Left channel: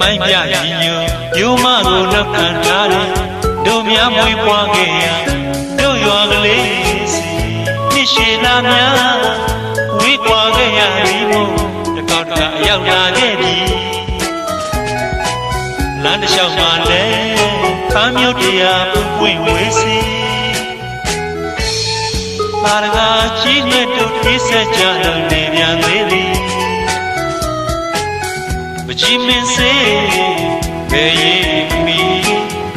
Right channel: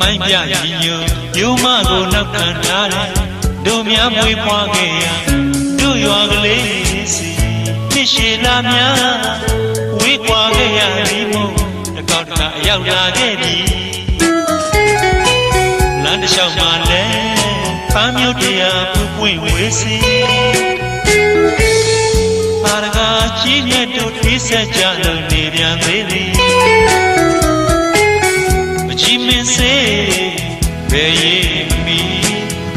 မိုင်းပြရင်ညိုရိုးမကိုနောက်ခံထားတယ်တို့များမွေးပွားခဲ့ရတို့ရွာကလေးနှစ်ရှည်သားများဝေးကွာခဲ့ရပြီမို့တစ်ခေါက်တစ်ခါအရောက်လာခဲ့ပြီလမ်းတစ်လျှောက်မှာလဲဖမ်းမြုပ်တရားပွင့်ဝေးစီပါရဂါကြီးမြတ်တို့တိဆက်ကြလို့နေပြန်သေးသည်မကြီးမင်းစေဘယ်ရေးမီ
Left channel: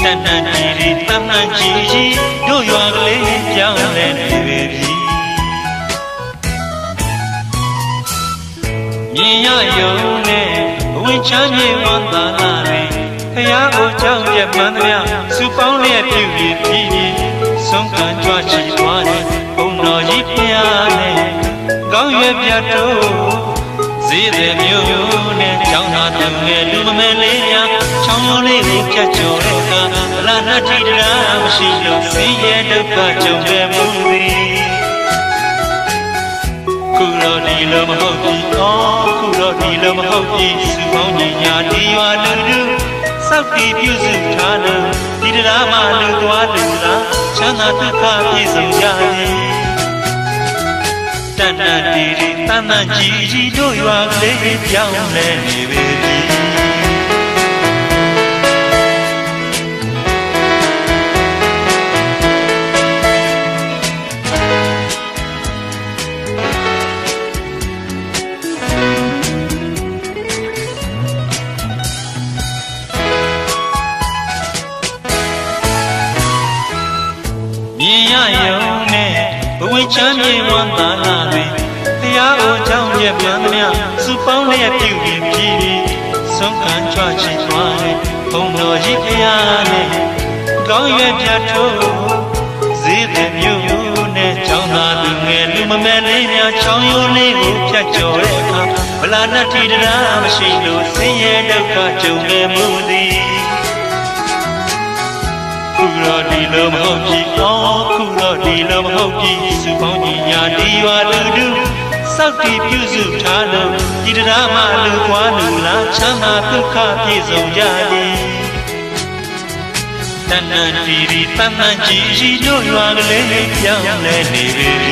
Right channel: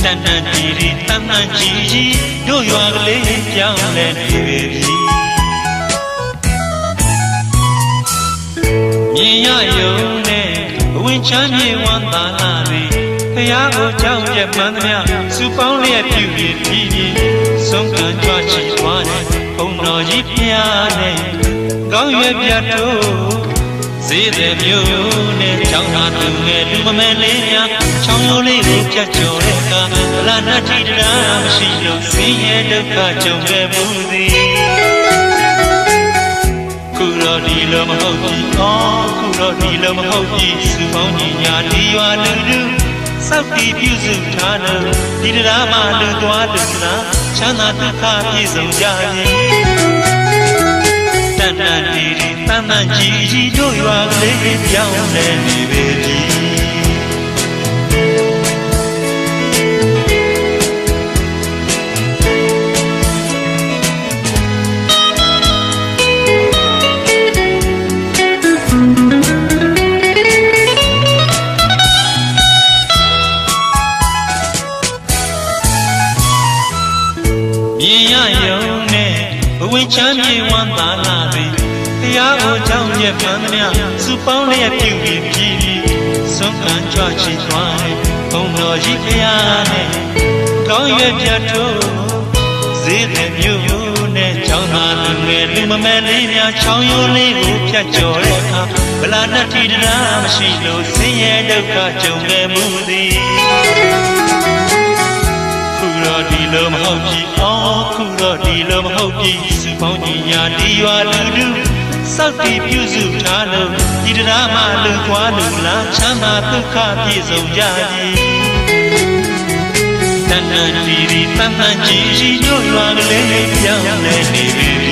တန်တန်တီတီတန်တန်ကြီးတို့ရွာကလေးပြောင်းလဲနေပြီမြင်ရယုံနဲ့ဘဝချမ်းမြေဝမ်းသာလာပြီဘုရားကိုကြောက်ရမှန်းသည်စုပေါင်းလျက်ပြုပြီးပြီးဆုံးခံကြွချီသွားတယ်ဘုံတော်ကြီးဖျားနဲ့ကောင်းရပြတ်တို့ဈေးတဲ့မျိုးနဲ့ကြောင်းသာသူနဲ့လူမမဲလေးများချောင်းရုံးလေးကိုဖြတ်ကျော်တဲ့အခါဒလနတ်တိတရားမရှိလို့ဆင်းရဲဒုက္ခကြုံခဲ့မှုသည်ခုတော့ဒီလိုမဟုတ်ဘူးခုတော့ဒီလိုမဟုတ်ဘူးစုပေါင်းကြီးများဒီရွာလူလူစောက်တီပြုစုထားလို့ဒီတရားမှလူသွားလူသာချမ်းသာဒုက္ခပြည့်စုံကြ၏တန်တန်တီတီတန်တန်ကြီးတို့ရွာကလေးပြောင်းလဲနေပြီချမ်းမြေဝမ်းသာလာပြီဘုရားကိုကြောင်းရမှန်းသည်စုပေါင်းလျက်ပြုပြီးပြီးဆုံးခံကြွချီသွားတယ်ဘုံတော်ကြီးဘုရားနဲ့ကောင်းရပြတ်တို့ဈေးတဲ့မျိုးနဲ့ကြောင်းသာသူငယ်လူမမဲလေးများချောင်းရိုးလေးကိုဖြတ်ကျော်တဲ့အခါဗလာနတ်တိတရားမရှိလို့ဆင်းရဲဒုက္ခကြုံခဲ့မှုသည်ခုတော့ဒီလိုမဟုတ်ဘူးခုတော့ဒီလိုမဟုတ်ဘူးစုပေါင်းကြီးညာဒီရွာလူလူစောက်ပြီးပြုစုထားလို့ဒီတရားမှလူကွာလူလားချမ်းသာဒုက္ခပြည့်စုံကြသည်တန်တန်တီတီတန်တန်ကြီးတို့ရွာကလေးပြောင်းလဲနေပြီ